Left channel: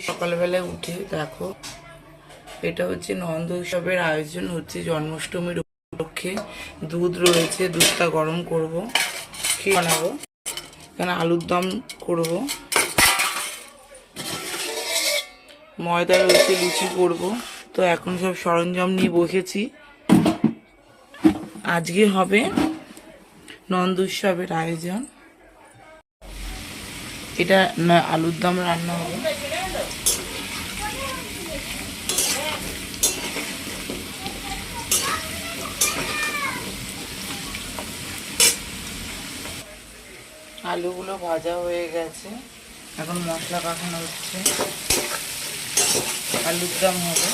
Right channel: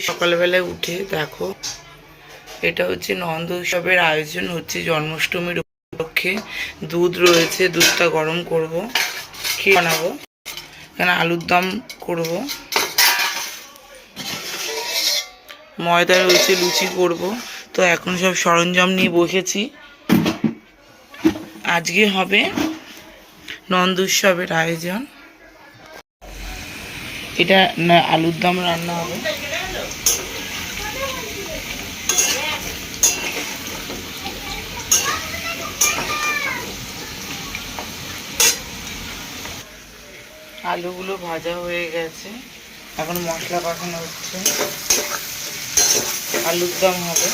সকালবেলায় উঠে দেখো, এটা হচ্ছে নন্দ উৎসবের আয়োজন হচ্ছে জন্মাষ্টমীর উপলক্ষে। দুধ রয়েছে, দুধটা গরম করব, খেয়ে বানাবো। এখানে আলুর দম করব, ময়দা রয়েছে, লুচি করব। তো এখন সব সরঞ্জাম নিয়ে বসেছি। আজকে হবে নন্দ উৎসবের আয়োজন। এটা আলুর দম রান্না হবে। আলুগুলো ভাজা হয়ে গেছে, এখন মশলা পাকানো হচ্ছে, আলুর দম হবে।